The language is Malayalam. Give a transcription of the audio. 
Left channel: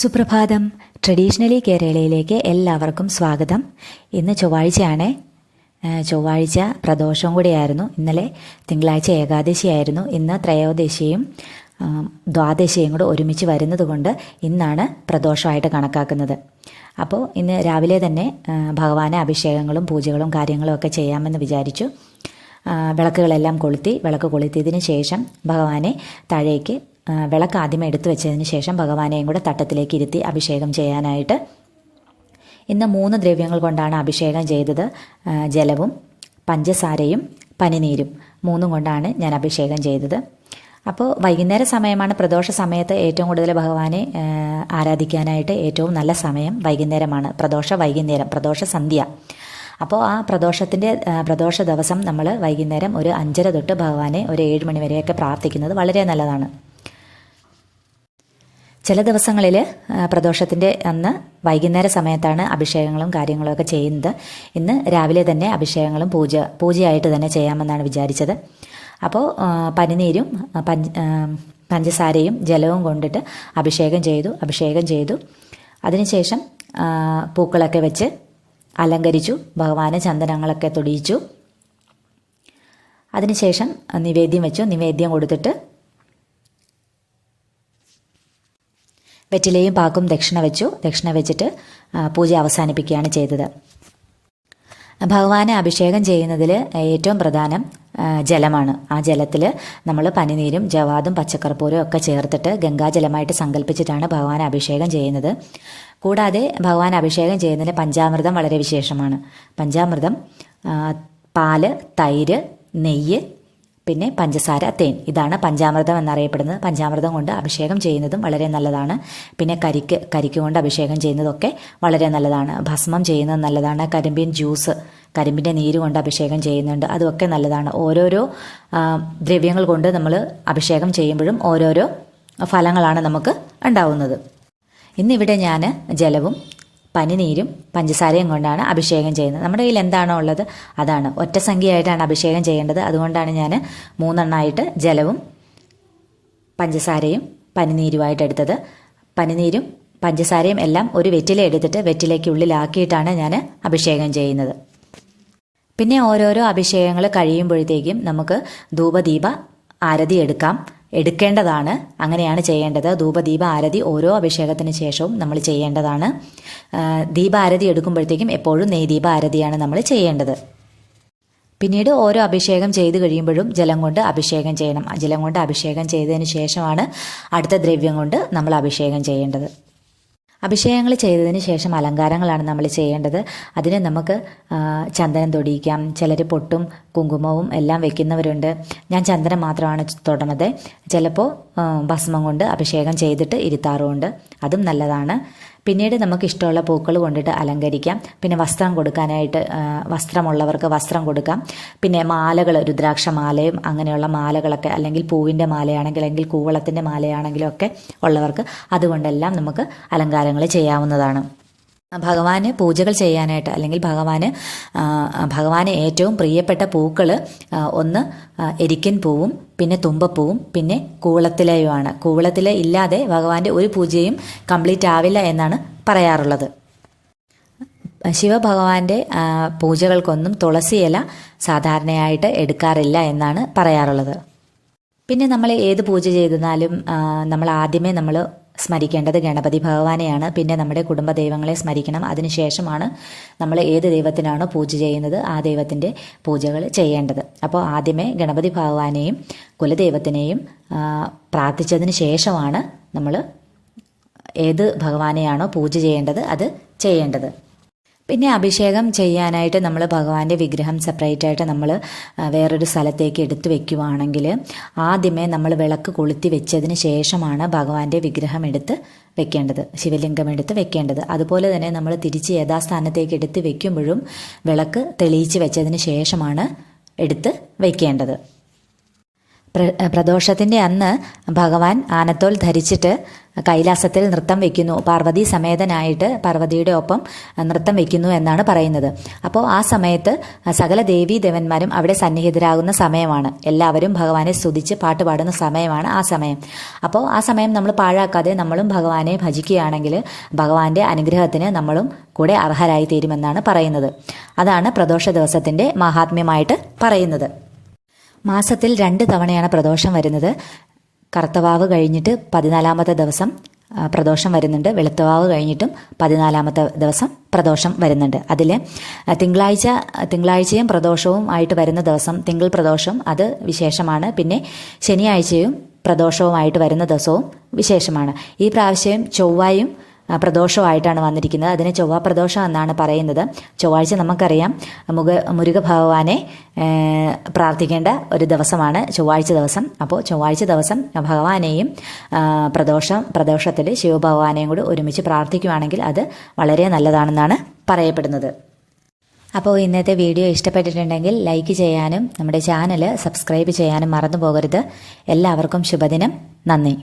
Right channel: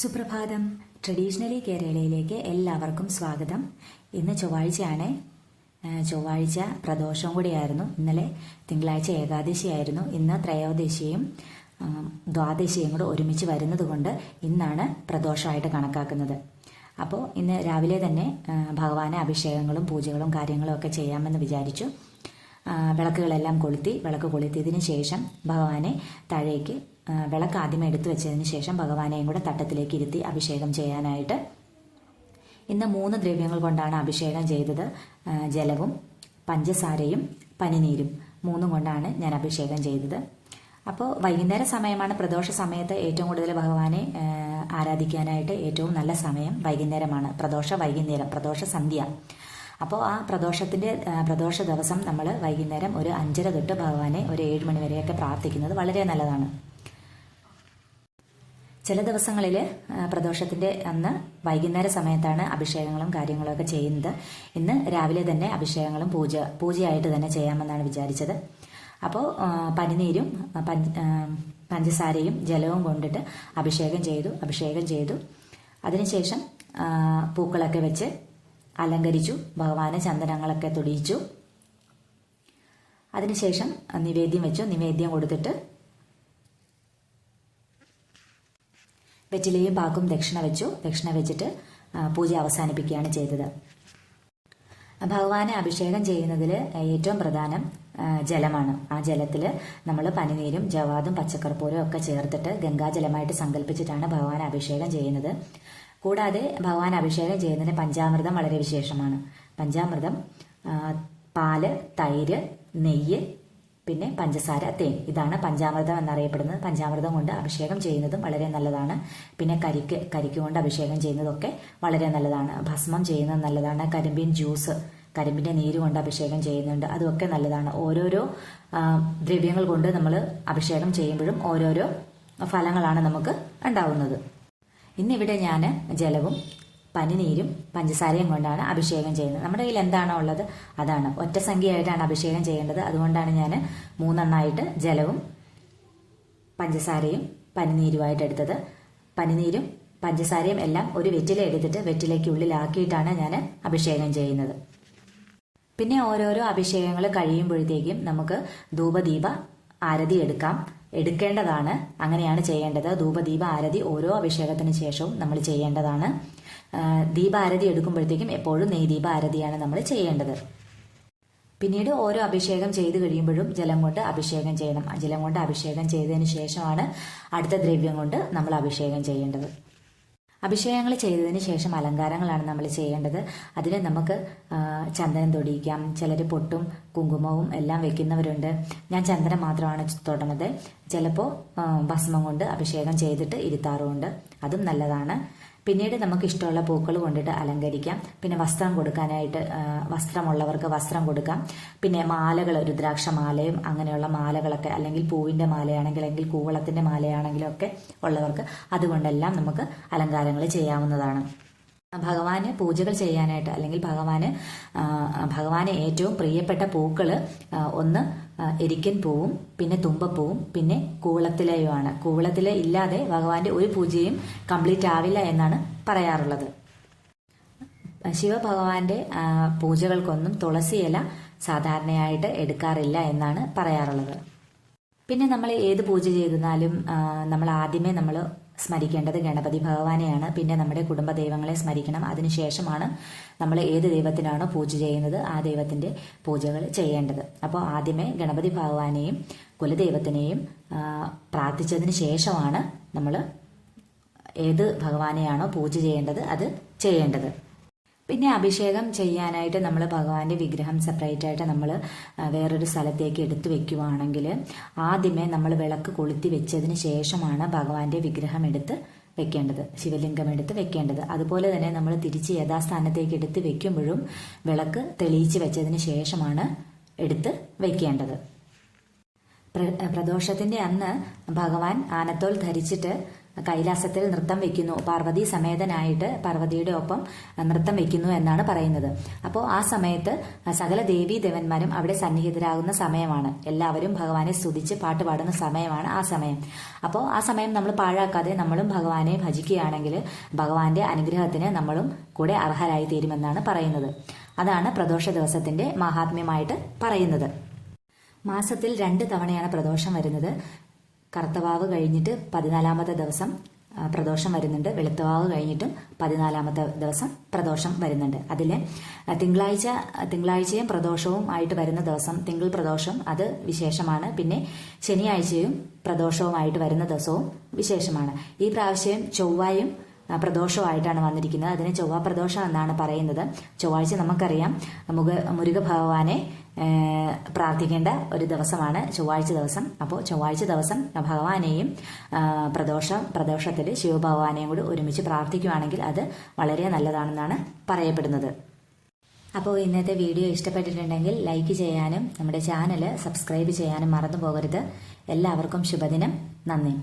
സുപ്രഭാതം. ട്രഡീഷണലി കേരളയിലേക്ക് എല്ലാവർക്കും സ്വാഗതം. ഇന്ന് ചൊവ്വാഴ്ചയാണ്. ചൊവ്വാഴ്ച പ്രദോഷവും കൂടിയായിരുന്നു. ഇന്നലെ തിങ്കളാഴ്ച ഏകാദശിയായിരുന്നു. ഇന്ന് ത്രയോദശിയും ദ്വാദശിയും കൂടെ ഒരുമിച്ച് വരുന്നത് കൊണ്ട് ഇന്നാണ് പ്രദോഷമായിട്ട് കണക്കാക്കുന്നത്. അപ്പോൾ ഇന്ന് രാവിലെ തന്നെ ഭഗവാന് അഭിഷേകങ്ങളും പൂജകളും കാര്യങ്ങളും ഒക്കെ ചെയ്യാമെന്ന് വിചാരിച്ചു. വിളക്കുകളെല്ലാം വിളക്ക് കൊളുത്തിയതിന് ശേഷം ഭഗവാനെ താഴേക്ക് വിളക്ക് ആദ്യമേ എടുത്തു വെച്ചതിന് ശേഷം ഭഗവാനെയും കൂടെ തട്ടത്തിലേക്ക് ഇരുത്തി അഭിഷേകം ചെയ്യാനായിട്ട് ഇന്ന് 3 ദ്രവ്യങ്ങൾ കൊണ്ടാണ് അഭിഷേകം ചെയ്തത്. ജലവും പഞ്ചസാരയും പനിനീരും 3 കൊണ്ടാണ് ഞാൻ അഭിഷേകം ചെയ്തത്. അപ്പോൾ വൈകുന്നേര സമയമാണ്. പ്രദോഷ സമയത്ത് ഏറ്റവും കൂടുതൽ ഭഗവാനെ ആരാധിക്കാനായിട്ട് ഏറ്റവും നല്ല സമയം വൈകുന്നേരമാണ്. പ്രദോഷ സന്ധ്യ. അപ്പോൾ ആ പ്രദോഷ ദിവസം നമ്മൾ വൈകുന്നേരം ഒരു 5:30 തൊട്ട് ഭഗവാനെ ഒരു 7 മണി വരെയൊക്കെ പ്രാർത്ഥിക്കുന്നത് വളരെ നല്ലതാണ്. ചില ദിവസങ്ങളിൽ പ്രദോഷത്തിൻ്റെ അന്ന് വൈകുന്നേര സമയത്താണ് അഭിഷേകങ്ങളും കാര്യങ്ങളൊക്കെ ചെയ്യുന്നത്. ഇന്ന് രാവിലെ തന്നെ അഭിഷേകങ്ങളും പൂജയായിട്ട് തന്നെ ചെയ്യാമെന്നാണ് വിചാരിച്ചത്. അപ്പോൾ പനിനീരും പഞ്ചസാരയും ജലവും കൊണ്ടിട്ട് അഭിഷേകം ചെയ്തു. അതിനുശേഷം പൂക്കളൊക്കെ വെച്ച് അലങ്കരിച്ചു. ഭഗവാന് ചന്ദനങ്ങളൊക്കെ തൊടിയിച്ചു. അതിനുശേഷം നിവേദ്യം കൊടുത്തിട്ട് വെറ്റിലയും പാക്കും ദക്ഷിണ വെച്ചിട്ട് പൂജ അവസാനിപ്പിക്കുകയാണ് ചെയ്തത്. ഭഗവാനെ അഭിഷേകം ചെയ്യുന്നതിൽ ഏറ്റവും പ്രധാനം ജലമാണ്. ആ ജലത്തിൽ നമ്മൾ പനിനീരും ജവാദും പച്ചക്കർപ്പൂരവും ഒക്കെ ചേർത്തിട്ട് ഗംഗാജലമായിട്ട് സങ്കല്പിച്ചിട്ടാണ് ഭഗവാനെ അഭിഷേകം ചെയ്യുന്നത്. കൂടാതെ ഭഗവാൻ അഭിഷേകം ചെയ്യുന്നതിന് പഞ്ചാമൃതം വളരെ വിശേഷമാണ്. പഞ്ചാമൃതം പാല്, തൈര്, നെയ്യ്, പിന്നെ പഞ്ചസാര, തേൻ, ഇതാണ് പഞ്ചാമൃതം എന്നറിയപ്പെടുന്നത്. പഞ്ചാമൃതം കൊണ്ട് അഭിഷേകം ചെയ്യുന്നതും വളരെ നല്ലതാണ്. പിന്നെ കരിക്ക് കൊണ്ട് അഭിഷേകം ചെയ്യുന്നതൊക്കെ വളരെ നല്ലതാണ്. ഭസ്മം ചെയ്യുന്നത് നല്ലതാണ്. കരിമ്പിൻ്റെ നീര് കൊണ്ട് അഭിഷേകം ചെയ്യുന്നുണ്ട്, അതുമൊക്കെ നല്ലതാണ്. ഓരോരോ ദ്രവ്യങ്ങൾ കൊണ്ട് നമ്മൾ അഭിഷേകം ചെയ്യുമ്പോഴും ഓരോരോ ഫലങ്ങളാണ് നമുക്ക് ഉണ്ടാവുന്നത്. ഇന്നിവിടെ ഞാൻ ജലവും പനിനീരും പഞ്ചസാരയും കൊണ്ടാണ് അഭിഷേകം ചെയ്യുന്നത്. നമ്മുടെ കയ്യിൽ എന്താണോ ഉള്ളത് അതാണ്. ഒറ്റ സംഖ്യയായിട്ടാണ് അഭിഷേകം ചെയ്യേണ്ടത്. അതുകൊണ്ടാണ് ഞാൻ 3 എണ്ണമായിട്ട് ജലവും പഞ്ചസാരയും പനിനീരുമായിട്ട് എടുത്തത്. പനിനീരും പഞ്ചസാരയും എല്ലാം ഒരു വെറ്റില എടുത്തിട്ട് വെറ്റിലയ്ക്കുള്ളിലാക്കിയിട്ടാണ് ഞാൻ അഭിഷേകം ചെയ്യുന്നത്. പിന്നെ ഓരോരോ അഭിഷേകങ്ങൾ കഴിയുമ്പോഴത്തേക്കും നമുക്ക് ധൂപദീപ ആരതി എടുക്കേണ്ടതാണ്. അങ്ങനെയാണ് ചെയ്യേണ്ടത്. ധൂപദീപ ആരതി ഓരോ അഭിഷേകത്തിന് ശേഷവും നമ്മൾ ചെയ്യേണ്ടതാണ്. ദീപാരതി എടുക്കുമ്പോഴത്തേക്കും എപ്പോഴും നെയ്ദീപ ആരതിയാണ് നമ്മൾ ചെയ്യേണ്ടത്. പിന്നീട് ഓരോ അഭിഷേകം ചെയ്ത് കഴിയുമ്പോഴും ജലം കൊണ്ട് അഭിഷേകം ചെയ്യണം. ജലം കൊണ്ട് അഭിഷേകം ചെയ്തതിന് ശേഷമാണ് അടുത്ത ദ്രവ്യം കൊണ്ട് നമ്മൾ അഭിഷേകം ചെയ്യേണ്ടത്. അഭിഷേകങ്ങൾ ചെയ്തതിന് ശേഷം അലങ്കാരങ്ങളാണ് നമ്മൾ ചെയ്യേണ്ടത്. അതിന് നമുക്ക് ചന്ദനം തൊടിയിക്കാം. ചിലർ പൊട്ടും കുങ്കുമവും എല്ലാം വെക്കുന്നവരുണ്ട്. ഞാൻ ചന്ദനം മാത്രമാണ് തൊടുന്നത്. ചിലപ്പോൾ ഭസ്മം കൊണ്ട് അഭിഷേകം ചെയ്തിട്ട് ഇരുത്താറുമുണ്ട്, അതും നല്ലതാണ്. പിന്നീട് നമുക്ക് ഇഷ്ടമുള്ള പൂക്കൾ കൊണ്ടിട്ട് അലങ്കരിക്കാം. പിന്നെ വസ്ത്രം കൊടുക്കാനായിട്ട് വസ്ത്രമുള്ളവർക്ക് വസ്ത്രം കൊടുക്കാം. പിന്നെ മാലകൾ, രുദ്രാക്ഷ മാലയും അങ്ങനെയുള്ള മാലകളൊക്കെ, അല്ലെങ്കിൽ പൂവിൻ്റെ മാലയാണെങ്കിൽ, അല്ലെങ്കിൽ കൂവളത്തിൻ്റെ മാലയാണെങ്കിലും ഒക്കെ ഉള്ളവർക്ക് അതുകൊണ്ടെല്ലാം നമുക്ക് അലങ്കാരങ്ങൾ ചെയ്യാവുന്നതാണ്. ഭഗവാന് പൂജകൾ ചെയ്യാനായിട്ട്, അല്ലെങ്കിൽ ഭഗവാന് ഏറ്റവും പ്രിയപ്പെട്ട പൂക്കൾ ഒന്ന് എരിക്കൻ പൂവും പിന്നെ തുമ്പപ്പൂവും പിന്നെ കൂവളത്തിലയുമാണ്. കൂവളത്തില ഇല്ലാതെ ഭഗവാന്റെ ഒരു പൂജയും കംപ്ലീറ്റ് ആവില്ല എന്നാണ് പറയാറുള്ളത്. ശിവഭഗവാന്റെ പൂജകൾക്കൊന്നും തുളസി ഇല സാധാരണയായിട്ട് എടുക്കാറില്ല എന്നാണ് പറയാറുള്ളത്. പിന്നെ നമ്മൾ ഏത് പൂജ ചെയ്താലും നമ്മൾ ആദ്യമേ സ്മരിക്കേണ്ടത് ഗണപതി ഭഗവാനെയാണ്. പിന്നെ നമ്മുടെ കുടുംബ ദൈവങ്ങളെ സ്മരിക്കണം. അതിനുശേഷമാണ് നമ്മൾ ഏത് ദൈവത്തിനാണോ പൂജ ചെയ്യുന്നത് ആ ദൈവത്തിൻ്റെ പൂജകൾ ചെയ്യേണ്ടത്. അപ്പോൾ ആദ്യമേ ഗണപതി ഭഗവാനെയും കുലദൈവത്തിനെയും പ്രാർത്ഥിച്ചതിന് ശേഷമാണ് നമ്മൾ ഏത് ഭഗവാനെയാണോ പൂജ ചെയ്യേണ്ടത് അത് ചെയ്യേണ്ടത്. പിന്നെ അഭിഷേകം ചെയ്യാനായിട്ട് നമ്മൾ ഭഗവാന്റെ വിഗ്രഹം സെപ്പറേറ്റായിട്ട് നമ്മൾ വേറൊരു സ്ഥലത്തേക്ക് എടുത്തു വെക്കുവാണെങ്കിൽ ആദ്യമേ നമ്മൾ വിളക്ക് കൊളുത്തി വെച്ചതിന് ശേഷമാണ് ഭഗവാന്റെ വിഗ്രഹം എടുത്ത് വെക്കേണ്ടത്, ശിവലിംഗം എടുത്ത് വെക്കേണ്ടത്. അതുപോലെ തന്നെ നമ്മൾ തിരിച്ച് യഥാസ്ഥാനത്തേക്ക് എടുത്ത് വെക്കുമ്പോഴും വിളക്ക് തെളിയിച്ച് വെച്ചതിന് ശേഷമാണ് എടുത്ത് വെക്കേണ്ടത്. പ്രദോഷത്തിൻ്റെ അന്ന് ഭഗവാൻ ആനത്തോൽ ധരിച്ചിട്ട് കൈലാസത്തിൽ നൃത്തം വയ്ക്കുന്നു. പാർവതി സമേതനായിട്ട് പാർവതിയുടെ ഒപ്പം നൃത്തം വയ്ക്കുന്നു എന്നാണ് പറയുന്നത്. അപ്പോൾ ആ സമയത്ത് സകല ദേവീ ദേവന്മാരും അവിടെ സന്നിഹിതരാകുന്ന സമയമാണ്. എല്ലാവരും ഭഗവാനെ സ്തുതിച്ച് പാട്ട് പാടുന്ന സമയമാണ് ആ സമയം. അപ്പോൾ ആ സമയം നമ്മൾ പാഴാക്കാതെ നമ്മളും ഭഗവാനെ ഭജിക്കുകയാണെങ്കിൽ ഭഗവാന്റെ അനുഗ്രഹത്തിന് നമ്മളും കൂടെ അർഹരായി തീരുമെന്നാണ് പറയുന്നത്. അതാണ് പ്രദോഷ ദിവസത്തിൻ്റെ മഹാത്മ്യമായിട്ട് പറയുന്നത്. മാസത്തിൽ 2 തവണയാണ് പ്രദോഷം വരുന്നത്. കറുത്തവാവ് കഴിഞ്ഞിട്ട് 14-ാമത്തെ ദിവസം പ്രദോഷം വരുന്നുണ്ട്. വെളുത്തവാവ് കഴിഞ്ഞിട്ടും 14-ാമത്തെ ദിവസം പ്രദോഷം വരുന്നുണ്ട്. അതിൽ തിങ്കളാഴ്ചയും പ്രദോഷവും ആയിട്ട് വരുന്ന ദിവസം തിങ്കൾ പ്രദോഷം അത് വിശേഷമാണ്. പിന്നെ ശനിയാഴ്ചയും പ്രദോഷവുമായിട്ട് വരുന്ന ദിവസവും വിശേഷമാണ്. ഈ പ്രാവശ്യം ചൊവ്വായും പ്രദോഷമായിട്ടാണ് വന്നിരിക്കുന്നത്. അതിനെ ചൊവ്വ പ്രദോഷം എന്നാണ് പറയുന്നത്. ചൊവ്വാഴ്ച നമുക്കറിയാം മുരുക ഭഗവാനെ പ്രാർത്ഥിക്കേണ്ട ഒരു ദിവസമാണ് ചൊവ്വാഴ്ച ദിവസം. അപ്പോൾ ചൊവ്വാഴ്ച ദിവസം ഭഗവാനെയും പ്രദോഷത്തിൽ ശിവഭഗവാനെയും കൂടി ഒരുമിച്ച് പ്രാർത്ഥിക്കുകയാണെങ്കിൽ അത് വളരെ നല്ലതാണെന്നാണ് പറയപ്പെടുന്നത്. അപ്പോൾ ഇന്നത്തെ വീഡിയോ ഇഷ്ടപ്പെട്ടിട്ടുണ്ടെങ്കിൽ ലൈക്ക് ചെയ്യാനും നമ്മുടെ ചാനൽ സബ്സ്ക്രൈബ് ചെയ്യാനും മറന്നു പോകരുത്. എല്ലാവർക്കും ശുഭദിനം. നന്ദി.